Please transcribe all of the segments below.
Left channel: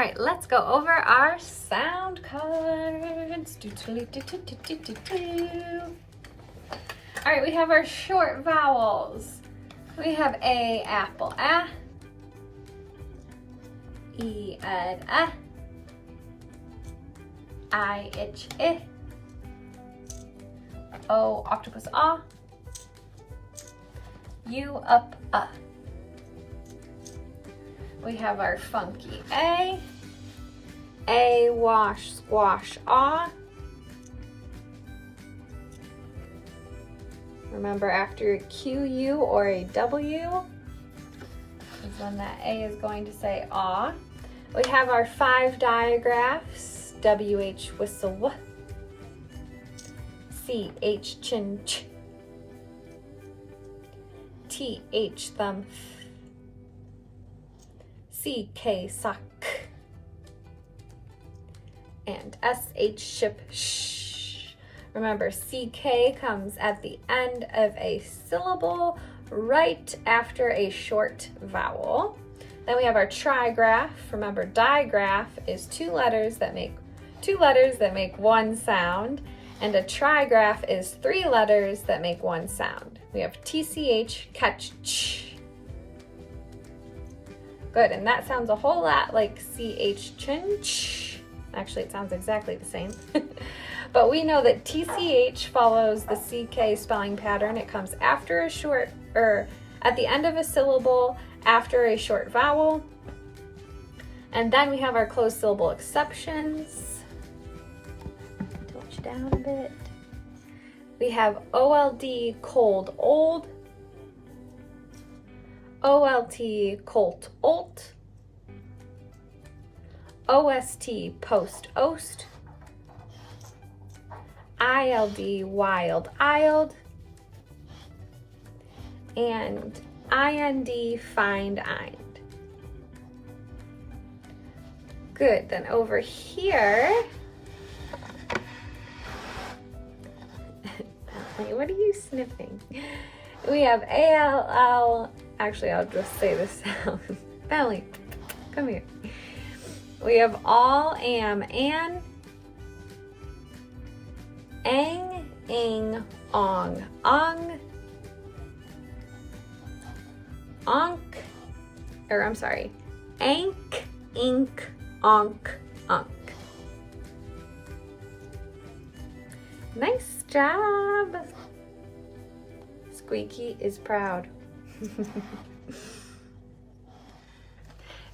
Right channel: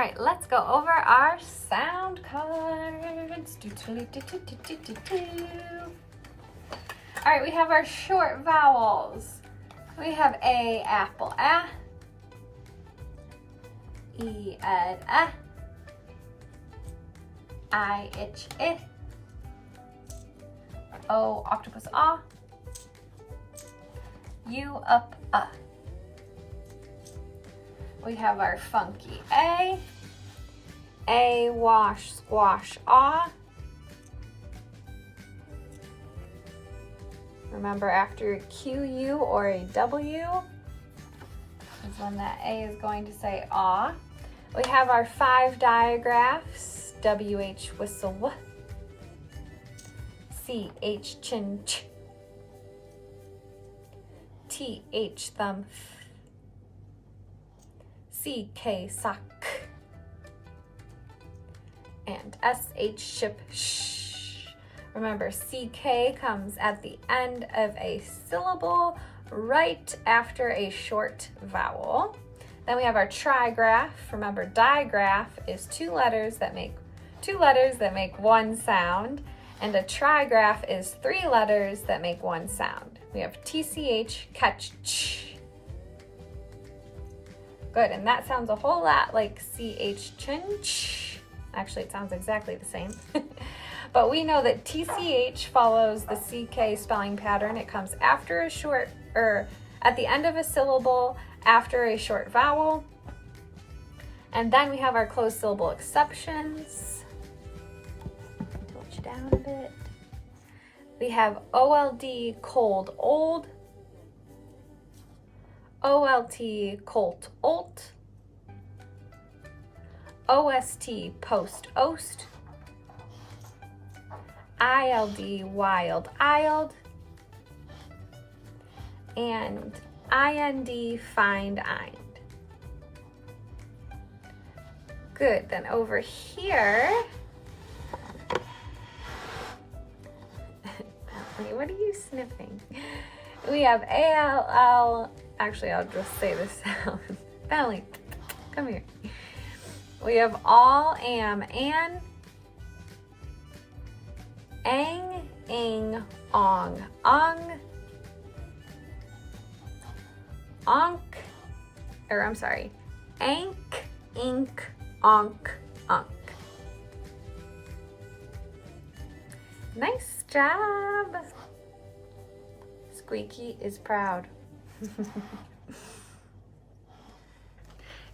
All right, let's go over our sound cards. All right, we have our short vowels. We have A, apple, A. E, ed, I, itch, I. O, octopus, ah. U, up, We have our funky A, wash, squash, ah. Remember, after a Q, U, or a W is when that A is going to say ah. We have our 5 digraphs, WH, whistle, w. CH, chin, ch. TH, thumb, f. CK, sock. And SH, ship, sh. Remember, CK comes at the end of a syllable right after a short vowel. Then we have our trigraph. Remember, digraph is two letters that make one sound, and a trigraph is 3 letters that make one sound. We have TCH, catch, ch. Good, and that sounds a whole lot like CH, chin, ch. Actually, it sounds exactly the same. But we know that TCH follows the CK spelling pattern. It comes after a short, or at the end of a syllable, after a short vowel. And then we have our closed syllable exceptions. Touch down a bit. We have OLD, cold, old. OLT, colt, olt. OST, post, ost. ILD, wild, ild. And IND, find, ind. Good, then over here, what are you sniffing? We have ALL, actually I'll just say the sound. Belly, come here. We have all, am, an. Ang, ing, ong, ung. Onk, or I'm sorry, ank, ink, onk, unk. Nice job. Squeaky is proud.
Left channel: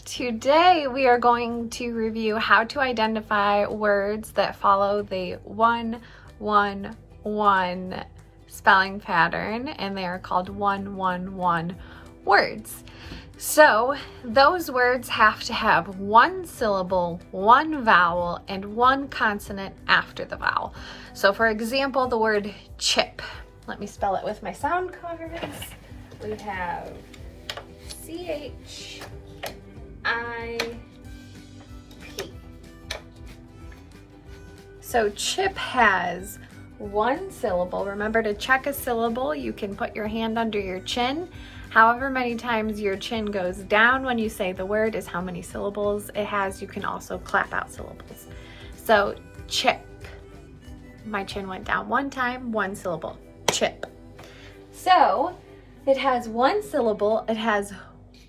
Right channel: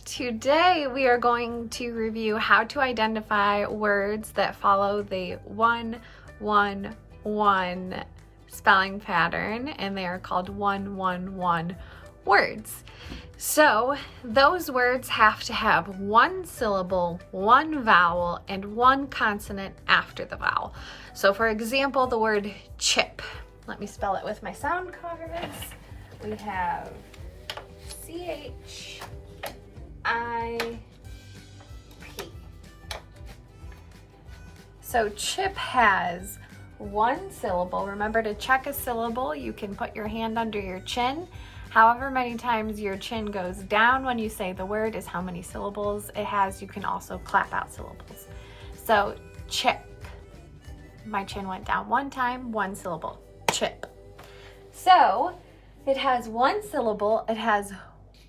Today we are going to review how to identify words that follow the 1-1-1 spelling pattern, and they are called 1-1-1 words. So those words have to have one syllable, one vowel, and one consonant after the vowel. So for example, the word chip. Let me spell it with my sound cards. We have CHIP. So chip has one syllable. Remember, to check a syllable, you can put your hand under your chin. However many times your chin goes down when you say the word is how many syllables it has. You can also clap out syllables. So chip. My chin went down one time, one syllable. Chip. So it has one syllable, it has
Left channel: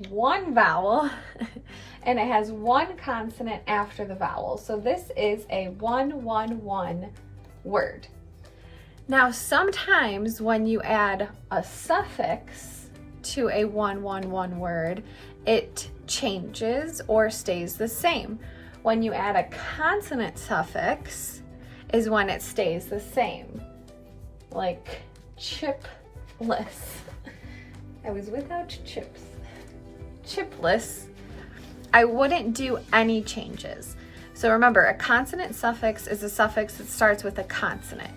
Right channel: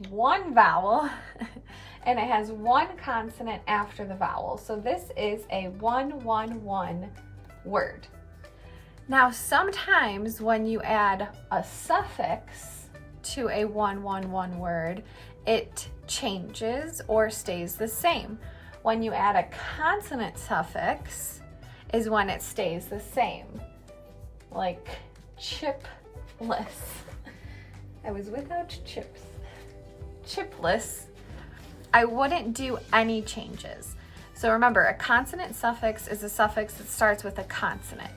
one vowel, and it has one consonant after the vowel. So this is a 1-1-1 word. Now sometimes when you add a suffix to a 1-1-1 word, it changes or stays the same. When you add a consonant suffix is when it stays the same. Like chipless. I was without chips. Chipless. I wouldn't do any changes. So remember, a consonant suffix is a suffix that starts with a consonant.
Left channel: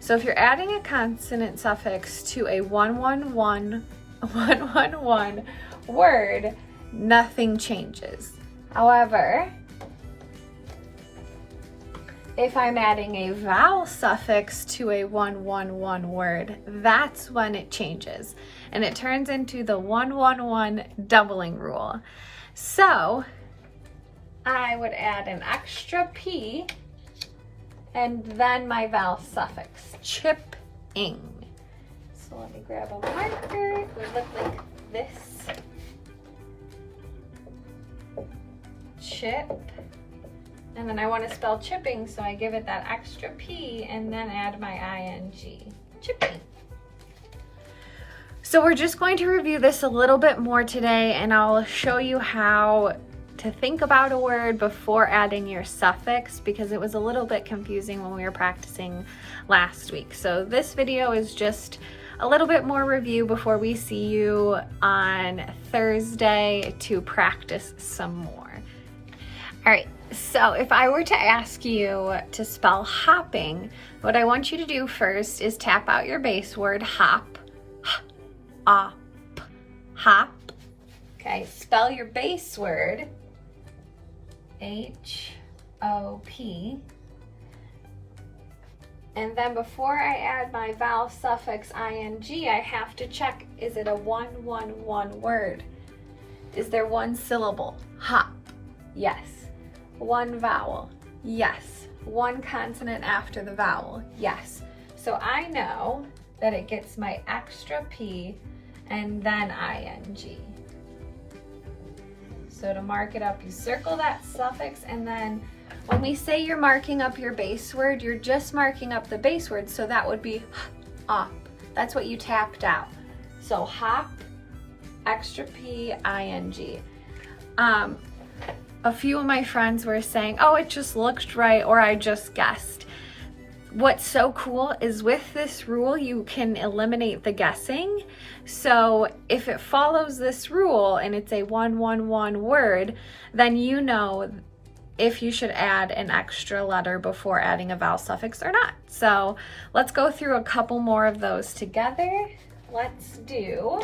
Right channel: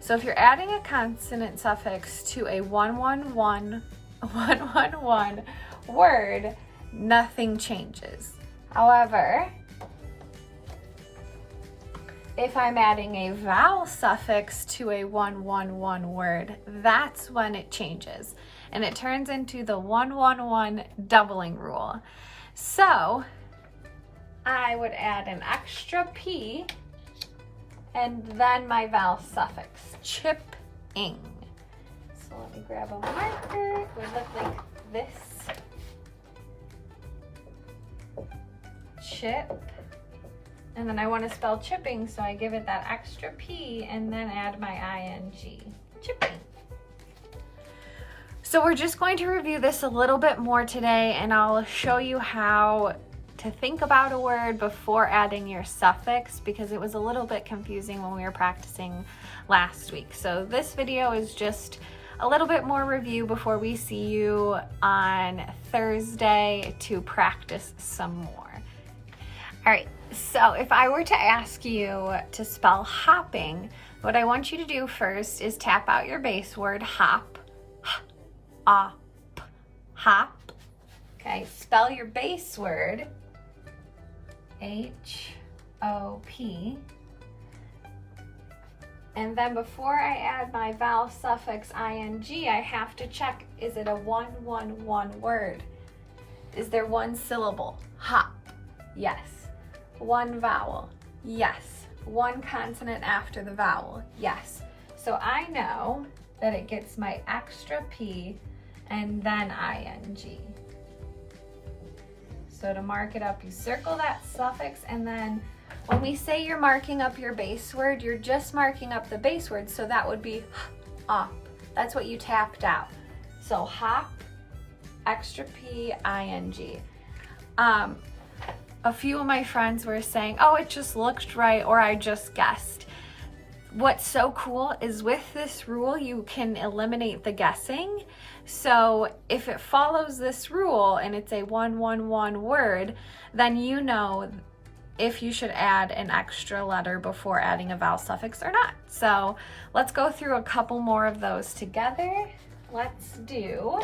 So if you're adding a consonant suffix to a 1-1-1 word, nothing changes. However, if I'm adding a vowel suffix to a 1-1-1 word, that's when it changes. And it turns into the 1-1-1 doubling rule. So I I would add an extra P and then my vowel suffix, chipping. So let me grab a marker. It would look like this. Chip. And then I want to spell chipping, so I give it that extra P and then add my ing. Chipping. So we're just going to review this a little bit more today, and I'll show you how to think about a word before adding your suffix, because it was a little bit confusing when we were practicing last week. So this video is just a little bit more review before we see you on Thursday to practice some more. All right, so if I were to ask you to spell hopping, what I want you to do first is tap out your base word, hop. Hop. Okay, spell your base word, H-O-P. And then before I add my vowel suffix ing, I have to check, is it a 1-1-1 word? Is there one syllable? Hop. Yes. One vowel? Yes. One consonant after the vowel? Yes. So I know that it gets my extra P and then ing. So to mark it up, you circle that suffix, and then when we say you're marking up your base word, you're just marking up the base word, so that would be up. That's what you tapped out. So hop, extra P, ing. A few of my friends were saying, oh, it just looked right, or I just guessed. What's so cool is with this rule, you can eliminate the guessing. So if it follows this rule and it's a 1-1-1 word, then you know if you should add an extra letter before adding a vowel suffix or not. So let's go through a couple more of those together. Let's do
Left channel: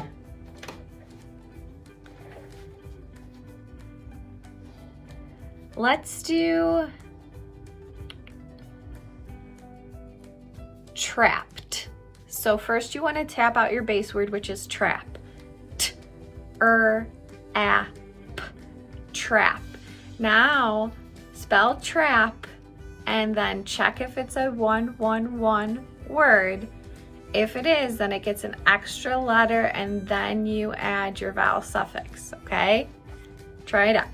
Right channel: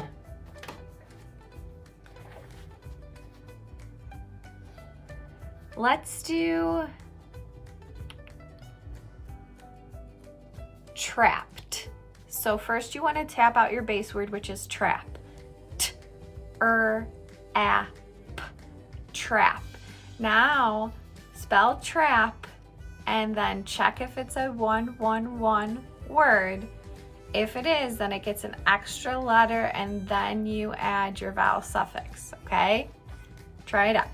trapped. So first you want to tap out your base word, which is trap. T-R-A-P. Trap. Now spell trap and then check if it's a 1-1-1 word. If it is, then it gets an extra letter and then you add your vowel suffix, okay? Try it out.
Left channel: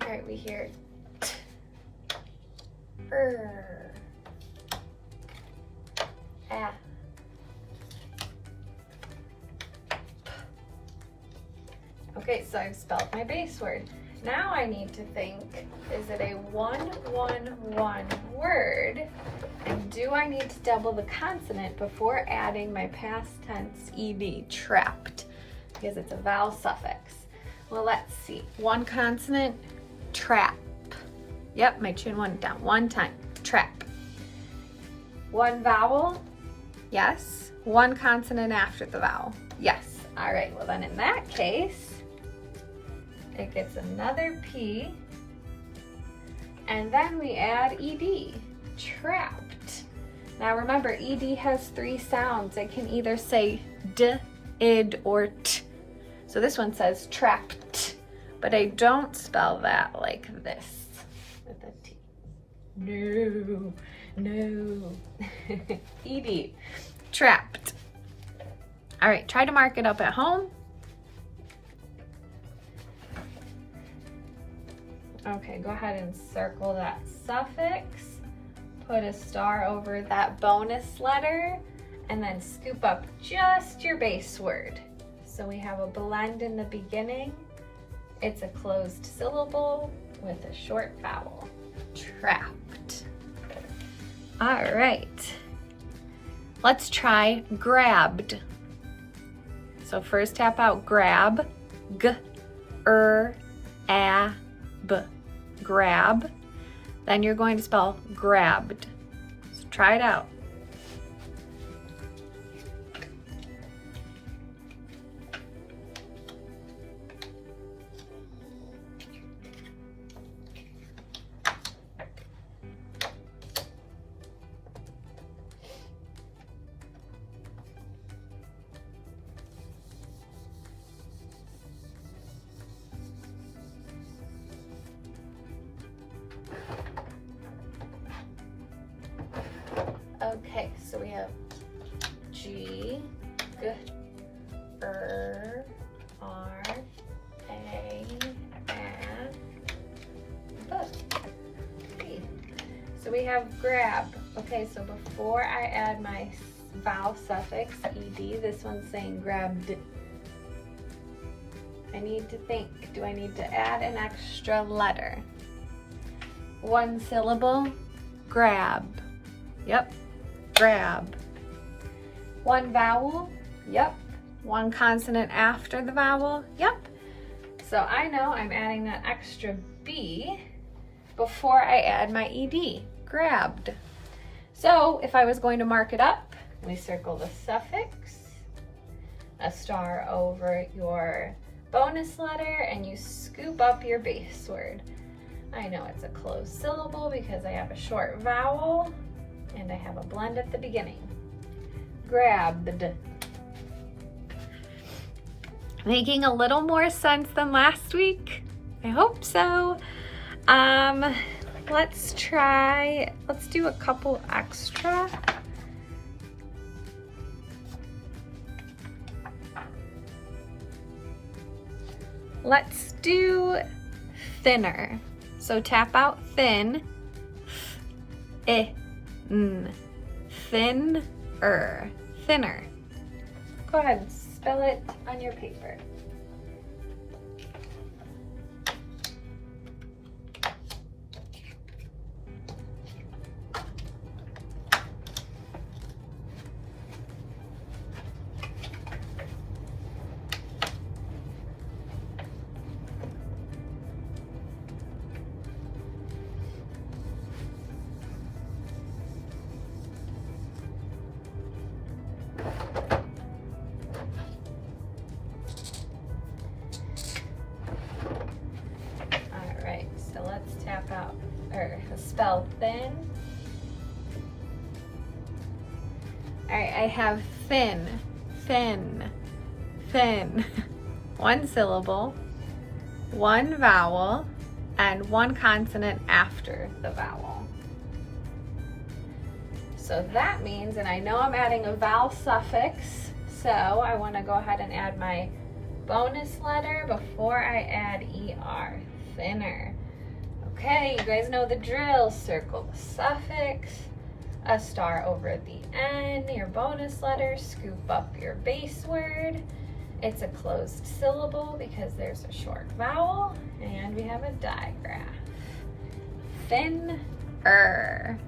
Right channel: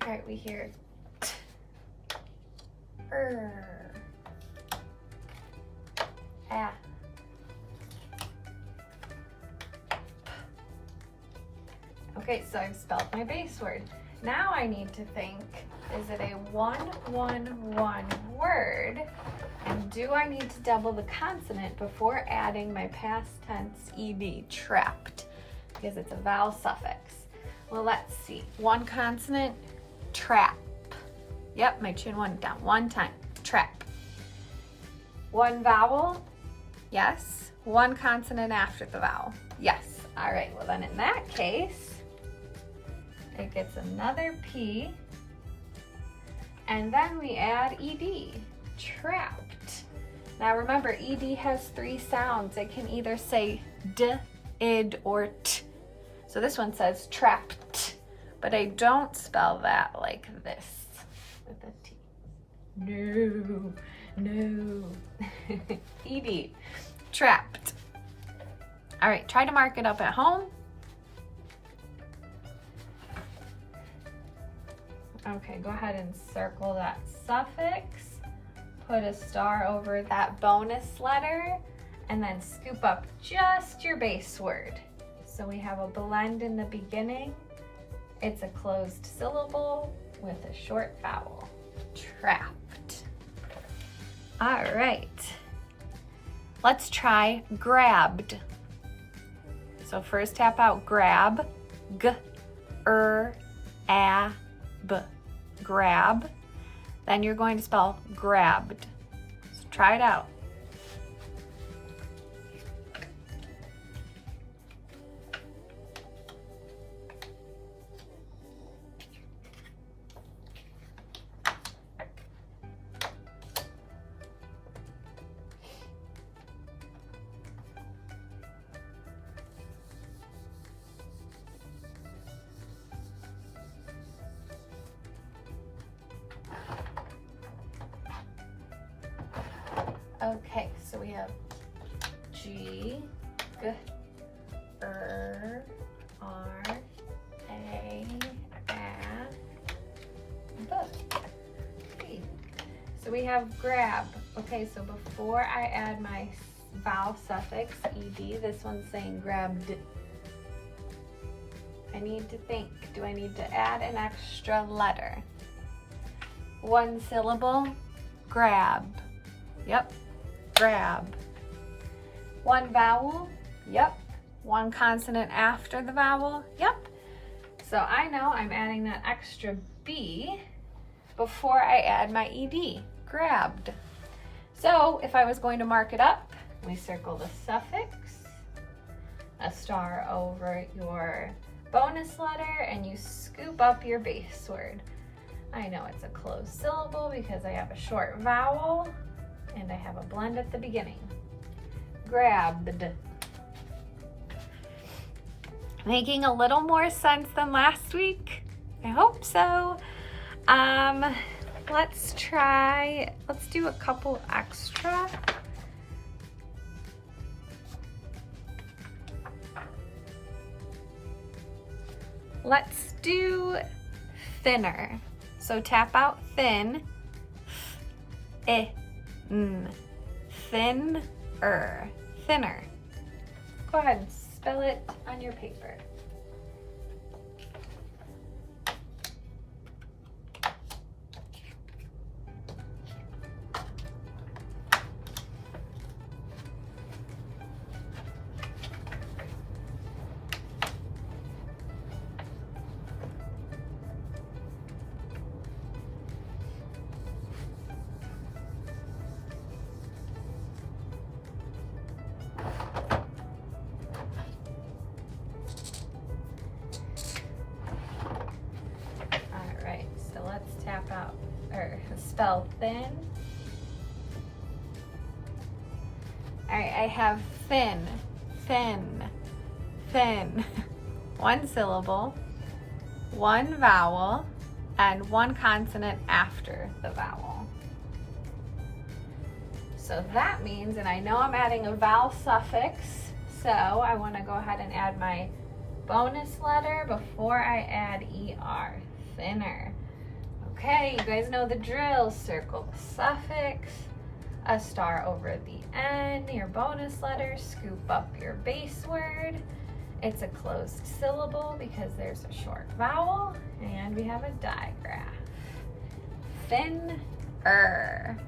All right, we hear t, er, a. Okay, so I've spelled my base word. Now I need to think, is it a 1-1-1 word? And do I need to double the consonant before adding my past tense ed, trapped? Because it's a vowel suffix. Well, let's see. One consonant, trap. Yep, my chin went down one time. Trap. One vowel, yes. One consonant after the vowel, yes. All right, well then in that case, it gets another P, and then we add ed, trapped. Now remember, ed has three sounds. It can either say d, id, or t. So this one says trapped, but I don't spell that like this with a T. No. ed, trapped. All right, try to mark it up at home. Okay, go ahead and circle that suffix, put a star over that bonus letter, and then scoop up just your base word. So we have a blend in the beginning. It's a closed syllable with a short vowel. Trapped. All right. Let's try grabbed. So first tap out grab, g-r-a-b, grab. Then you're going to spell grabbed. So try it out. Okay, so we have G, G, R, A, F, B. So we have grab. Okay, so before I add my vowel suffix, ed, this one's saying grabbed. I need to think, do I need to add an extra letter? One syllable, grab. Yep, grab. One vowel, yep. One consonant after the vowel, yep. So I know I'm adding that extra B before I add my ed, grabbed. So if I was going to mark it up, we circle the suffix, a star over your bonus letter, and you scoop up your base word. I know it's a closed syllable because I have a short vowel and I have a blend at the beginning. Grabbed. Making a little more sense than last week? I hope so. Let's do a couple extra. Let's do thinner. So tap out thin, thinner, thinner. Go ahead and spell it on your paper. Tap out, or spell thin. All right, I have thin, thin, thin. One syllable, one vowel, and one consonant after the vowel. So that means, and I know I'm adding a vowel suffix, so I want to go ahead and add my bonus letter before I add ER, thinner. Okay, you guys know the drill. Circle the suffix, a star over the N, your bonus letter, scoop up your base word. It's a closed syllable because there's a short vowel, and we have a digraph. Thinner.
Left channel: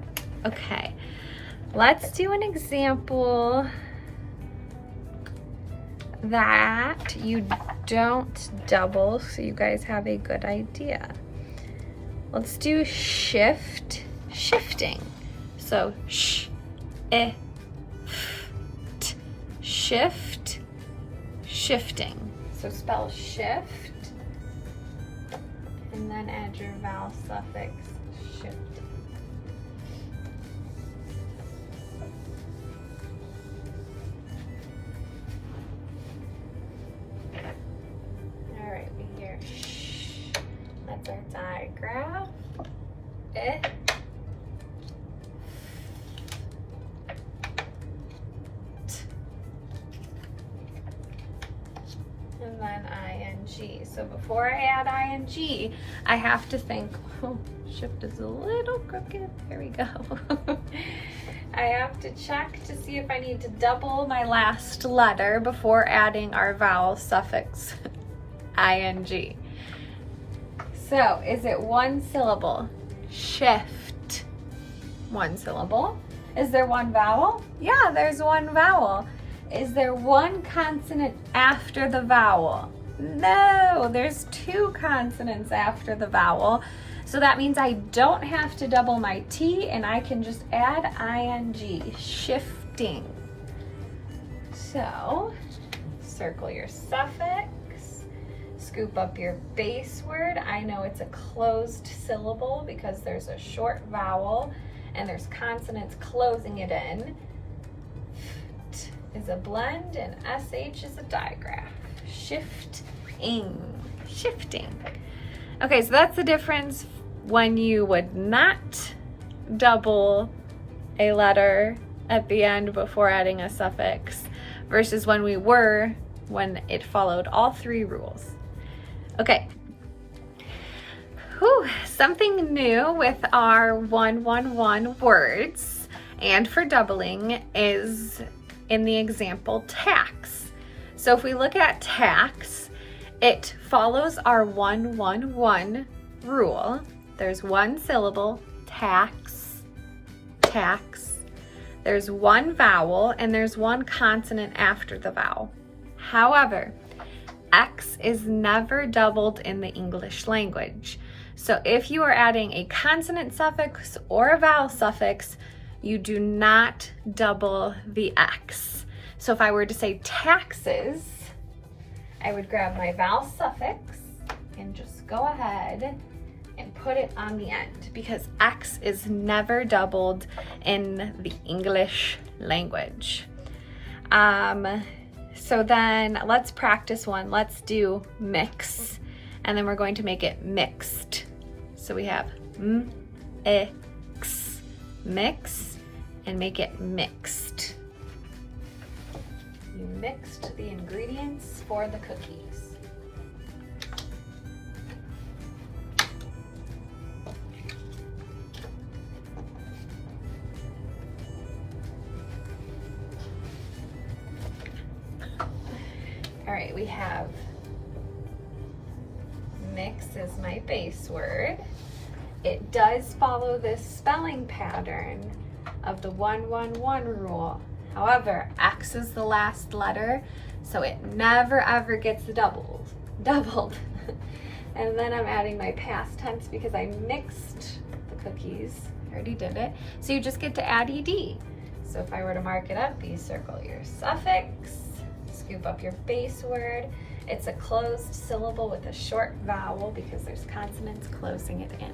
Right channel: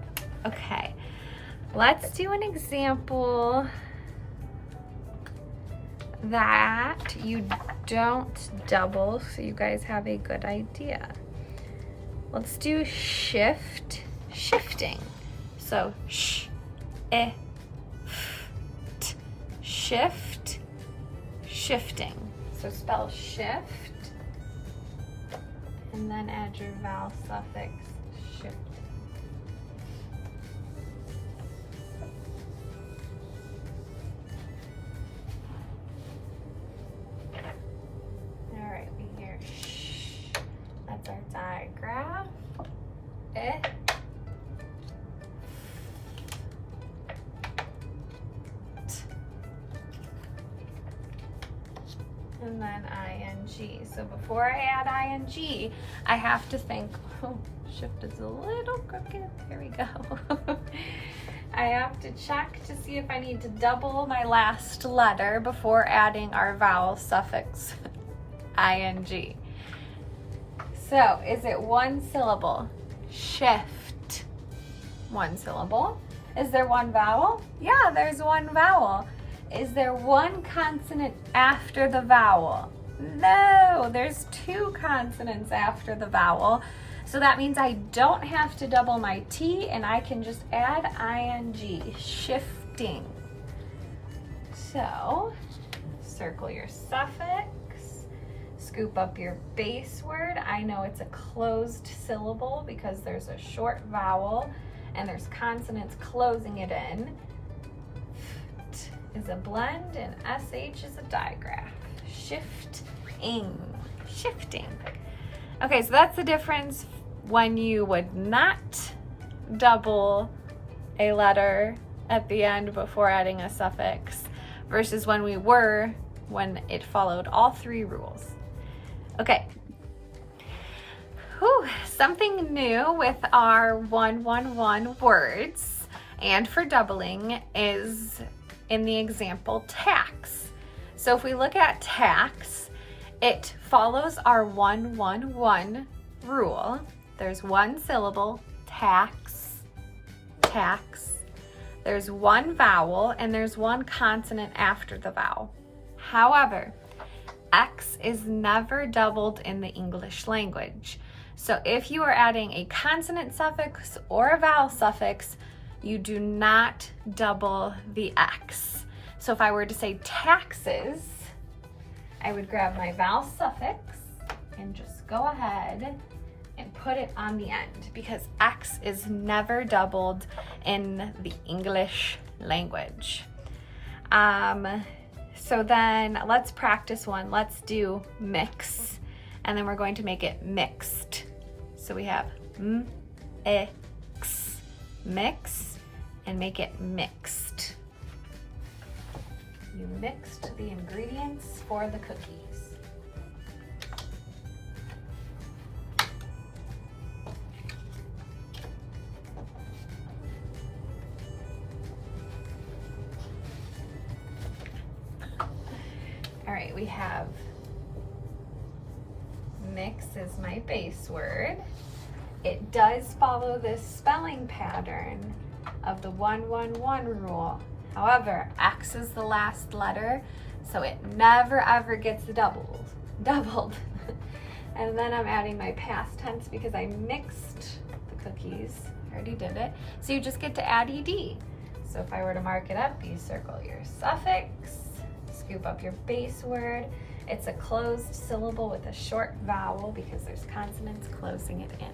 Okay, let's do an example that you don't double so you guys have a good idea. Let's do shift, shifting. So shift, shift, shifting. So spell shift, and then add your vowel suffix, shift. All right, we hear sh. That's our digraph. And then ing. So before I add ing, I have to think, oh, shift is a little crooked. There we go. I have to check to see if I need to double my last letter before adding our vowel suffix, ing. So is it one syllable? Shift. One syllable. Is there one vowel? Yeah, there's one vowel. Is there one consonant after the vowel? No, there's two consonants after the vowel. So that means I don't have to double my T, and I can just add ing, shifting. So circle your suffix, scoop up your base word. I know it's a closed syllable because there's a short vowel and there's consonants closing it in. F is a blend and sh is a digraph. Shifting, shifting. Okay, so that's the difference when you would not double a letter at the end before adding a suffix versus when we were when it followed all three rules. Okay. Whew, something new with our 111 words and for doubling is in the example tax. So if we look at tax, it follows our 111 rule. There's one syllable, tax, tax. There's one vowel and there's one consonant after the vowel. However, X is never doubled in the English language. So if you are adding a consonant suffix or a vowel suffix, you do not double the X. So if I were to say taxes, I would grab my vowel suffix and just go ahead and put it on the end because X is never doubled in the English language. So then let's practice one. Let's do mix, and then we're going to make it mixed. So we have x, mix, and make it mixed. You mixed the ingredients for the cookies. All right, we have mix is my base word. It does follow this spelling pattern of the 111 rule. However, X is the last letter, so it never ever gets doubled. And then I'm adding my past tense because I mixed the cookies. I already did it. So you just get to add ed. So if I were to mark it up, you circle your suffix, scoop up your base word. It's a closed syllable with a short vowel because there's consonants closing it in.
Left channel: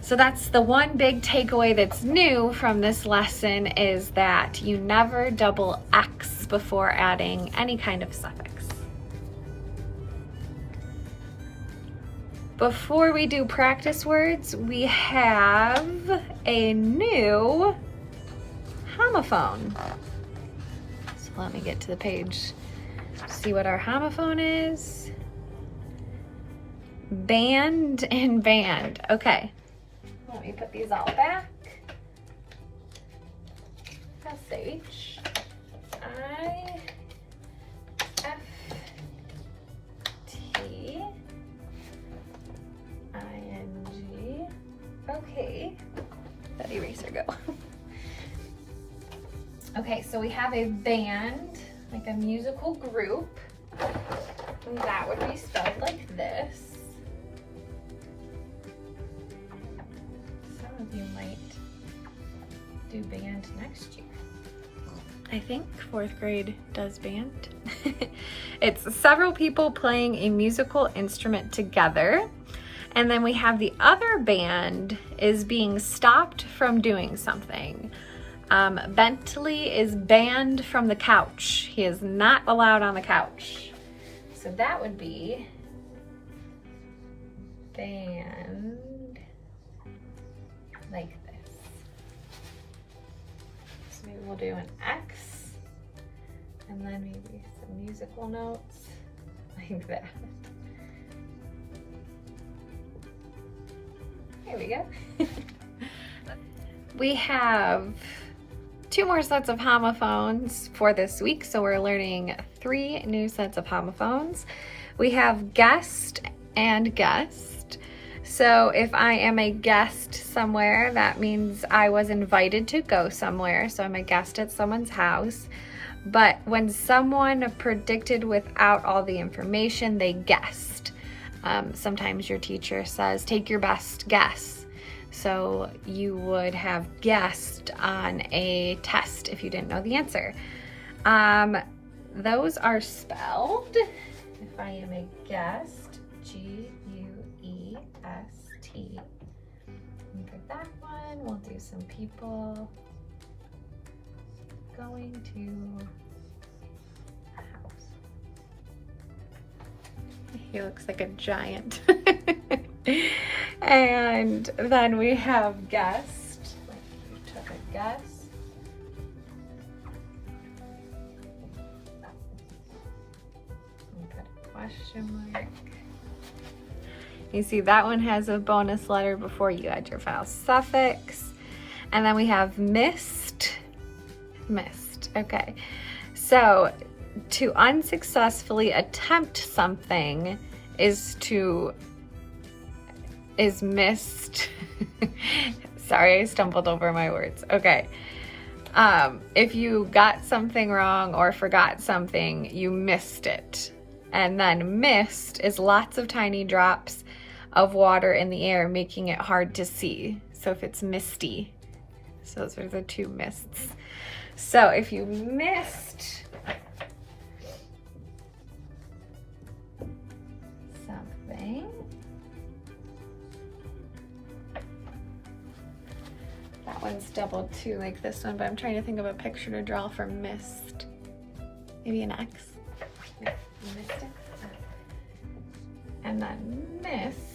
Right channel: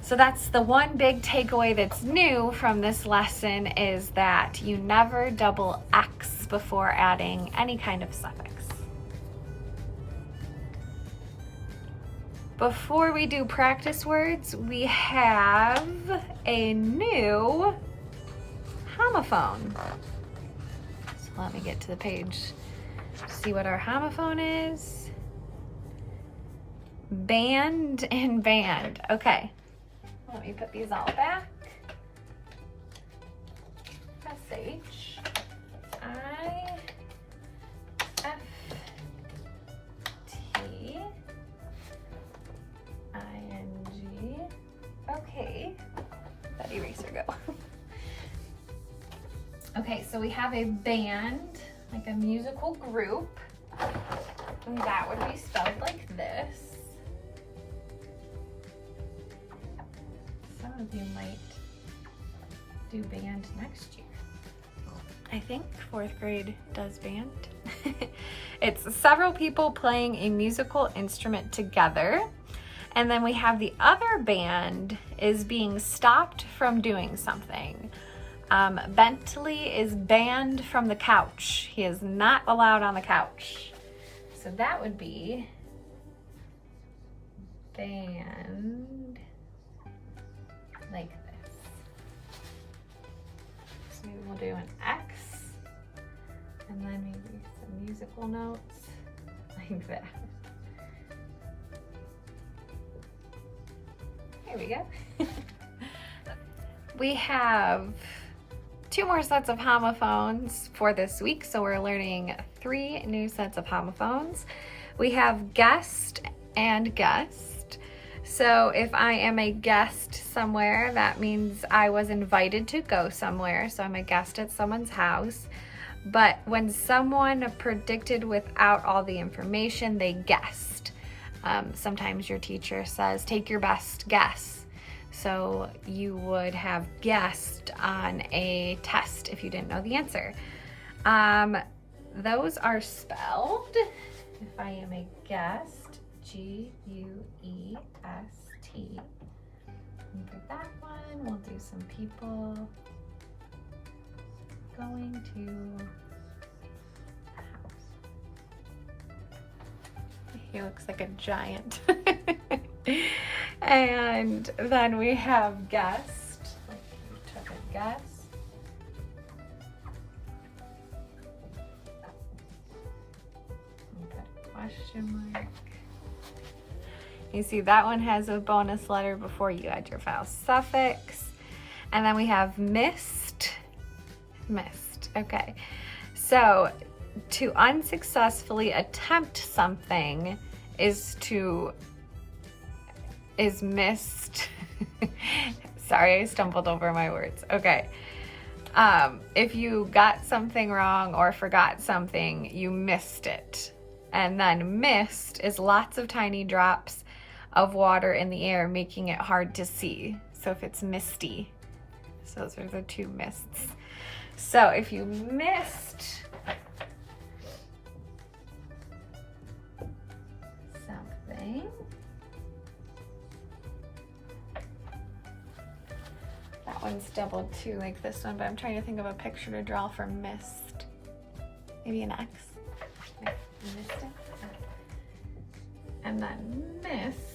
So that's the one big takeaway that's new from this lesson is that you never double X before adding any kind of suffix. Before we do practice words, we have a new homophone. So let me get to the page, see what our homophone is. Band and band. Okay. Let me put these all back. S-H-I-F-T-I-N-G. Okay. Let that eraser go. Okay, so we have a band, like a musical group. And that would be spelled like this. Some of you might do band next year. I think 4th grade does band. It's several people playing a musical instrument together. And then we have the other band is being stopped from doing something. Bentley is banned from the couch. He is not allowed on the couch. So that would be band like this. So maybe we'll do an X and then maybe some musical notes like that. There we go. We have 2 more sets of homophones for this week, so we're learning 3 new sets of homophones. We have guest and guest. So if I am a guest somewhere, that means I was invited to go somewhere, so I'm a guest at someone's house. But when someone predicted without all the information, they guessed. Sometimes your teacher says, take your best guess. So you would have guessed on a test if you didn't know the answer. Those are spelled, if I am a guest, G-U-E-S-T. And for that one, we'll do some people going to a house. He looks like a giant. And then we have guest, like you took a guess question mark. You see that one has a bonus letter before you add your vowel suffix. And then we have missed. Missed. Okay. So to unsuccessfully attempt something is missed. Sorry, I stumbled over my words. Okay. If you got something wrong or forgot something, you missed it. And then mist is lots of tiny drops of water in the air, making it hard to see. So if it's misty, so those are the two mists. So if you missed something, that one's doubled too, like this one, but I'm trying to think of a picture to draw for mist. Maybe an X. Yeah, missed it. And then mist.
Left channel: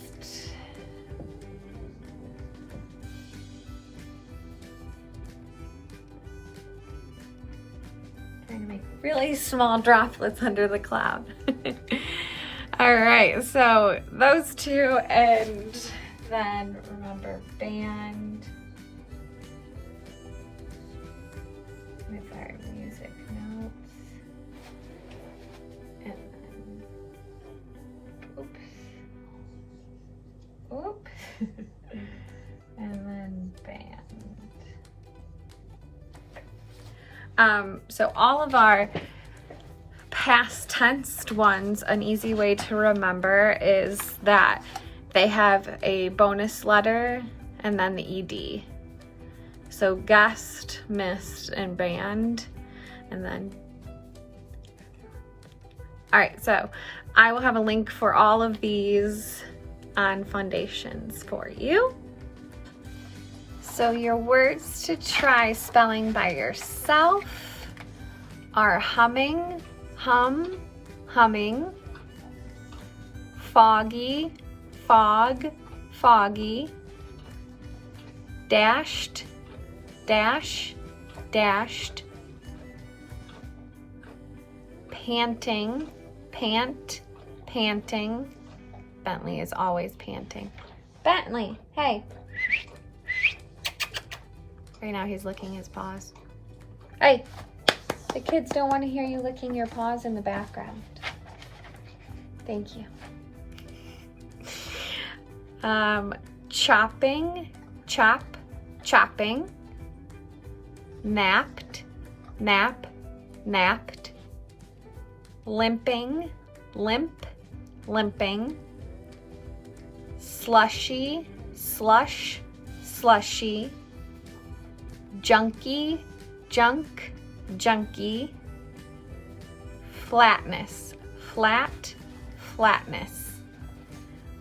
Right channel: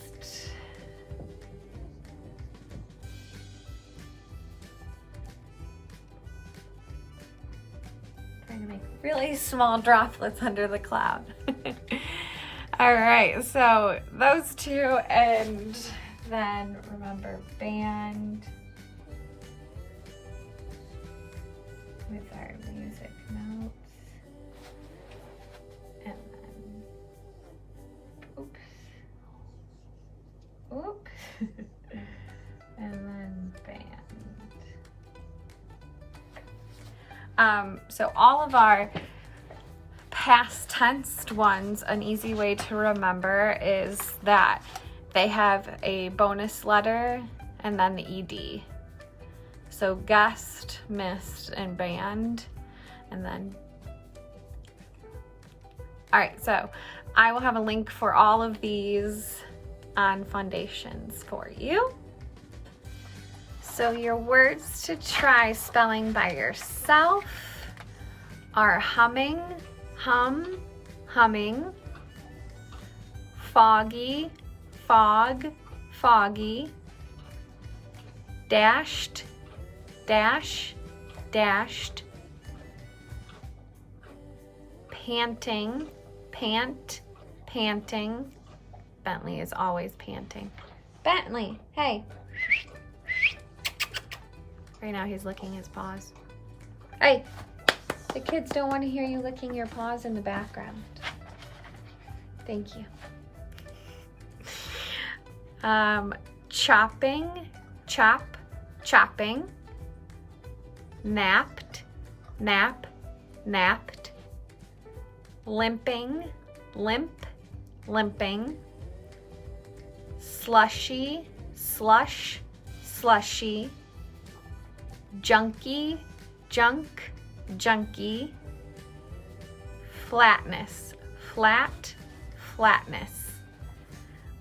Trying to make really small droplets under the cloud. All right, so those two, and then remember band with our music notes, and then oops, and then band. So all of our past tense ones, an easy way to remember is that they have a bonus letter and then the ed. So guest, missed, and band, and then. All right, so I will have a link for all of these on Fundations for you. So your words to try spelling by yourself are humming, hum, humming, foggy, fog, foggy, dashed, dash, dashed, panting, pant, panting. Bentley is always panting. Bentley, hey. Right now he's licking his paws. Hey, the kids don't want to hear you licking your paws in the background. Thank you. Chopping, chop, chopping. Napped, nap, napped. Limping, limp, limping. Slushy, slush, slushy. Junky, junk, junky. Flatness, flat, flatness.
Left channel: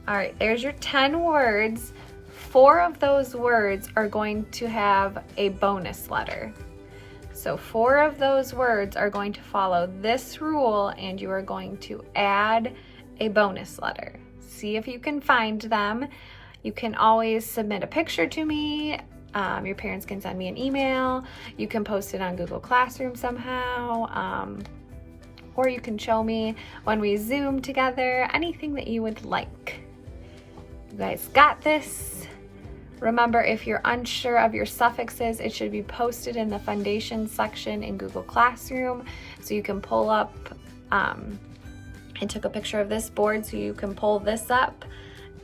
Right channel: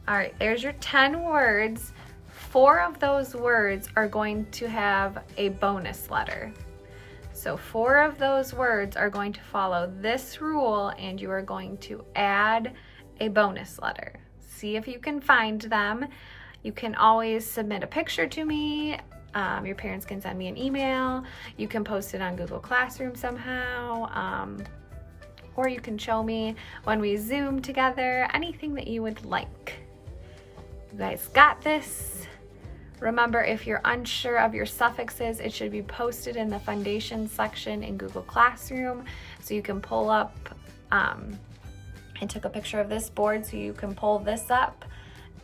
All right, there's your 10 words. 4 of those words are going to have a bonus letter. So 4 of those words are going to follow this rule, and you are going to add a bonus letter. See if you can find them. You can always submit a picture to me. Your parents can send me an email. You can post it on Google Classroom somehow. Or you can show me when we Zoom together, anything that you would like. You guys got this. Remember, if you're unsure of your suffixes, it should be posted in the Fundations section in Google Classroom. So you can pull up, I took a picture of this board so you can pull this up.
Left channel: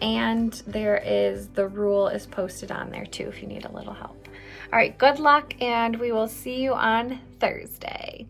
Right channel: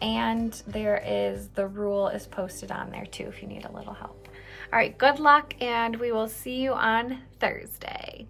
And the rule is posted on there too if you need a little help. All right, good luck, and we will see you on Thursday.